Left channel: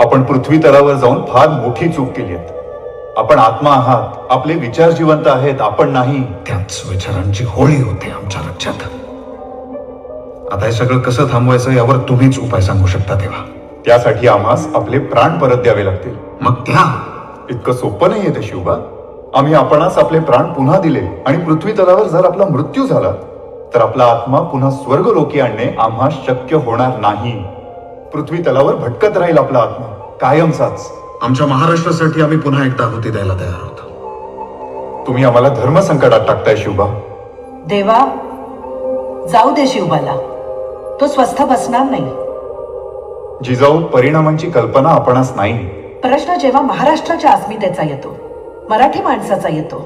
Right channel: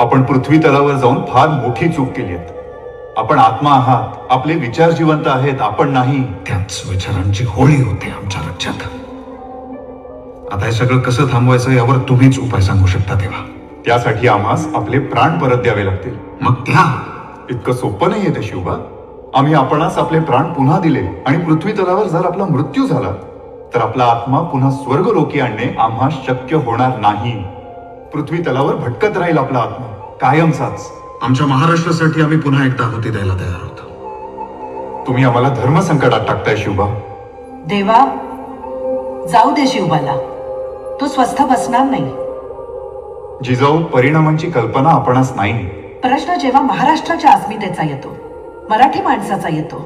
आपण पृथ्वी तलावर जाऊन फार मोठी चूक केली आहे. आपण आत्मा आहात, आपले विचार जिवंत आहेत, आपण नाही. त्याच विचारांची होळी होते आमच्या राज्यात. आता हे सगळं कसं थांबवायचं यावर तुम्हीच उपाय सांगू शकता. तेव्हा त्यासाठी आम्हास आपले प्राण परत द्यावे लागतील. मग त्या इतकं सोपं नाहीये ते शिवबा. आम्ही आपणास आपले प्राण पुन्हा दिले आणि पृथ्वी तलावर जर आपला मृत्यू झाला तर आपला आत्मा पुन्हा स्वर्गलोकी आणणे आम्हास शक्य होणार नाही. पृथ्वी तलावर भटकत राहील आपला आत्मा कायमचाच. आमच्या महाराष्ट्रासाठी आम्ही पुन्हा एकदा आहुती द्यायला तयार आहोत. तुम्ही आम्हाला धर्म संकटात टाकताय शिवबा. देवा, जाऊ दे शिवबाला, तो स्वस्थ बसणार नाही. जिजाऊ, परिणामांची कल्पना आपणास नाही. प्रश्न जेव्हा महाराष्ट्राच्या अस्मितेचा येतो, मराठी माणसाचा येतो,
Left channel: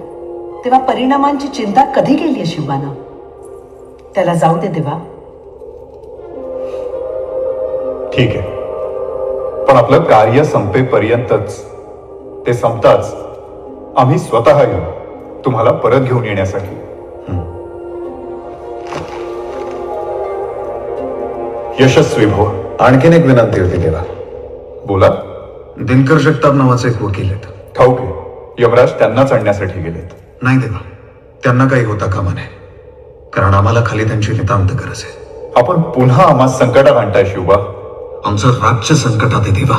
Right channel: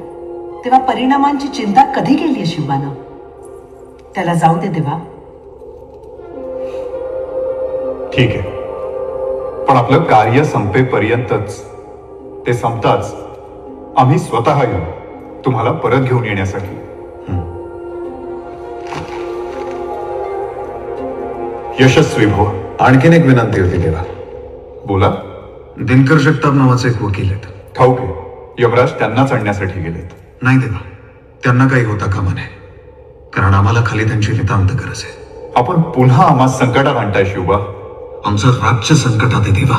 तेव्हा परिणामांची चिंता कधी केली आहे शिवबानं? त्याला जाऊ दे देवा. ठीक आहे, पण आपलं कार्य संपेपर्यंतच. ते संपताच आम्ही स्वतः येऊ तुम्हाला परत घेऊन येण्यासाठी. यशस्वी भव. आणखीन एक विनंती होती तेव्हा. बोला. दिनकर जगताप नावाचे एक वकील आहेत. ठाऊक आहे, यमराज त्यांनाच आणण्यासाठी गेलेत. नाही देवा, त्यांना काही होता कामा नये, कारण आम्हाला खाली त्यांची नितांत गरज आहे. आपण पुन्हा आम्हा संकटात आणताय शिवबा. आमचं राज्य संकटात आहे देवा.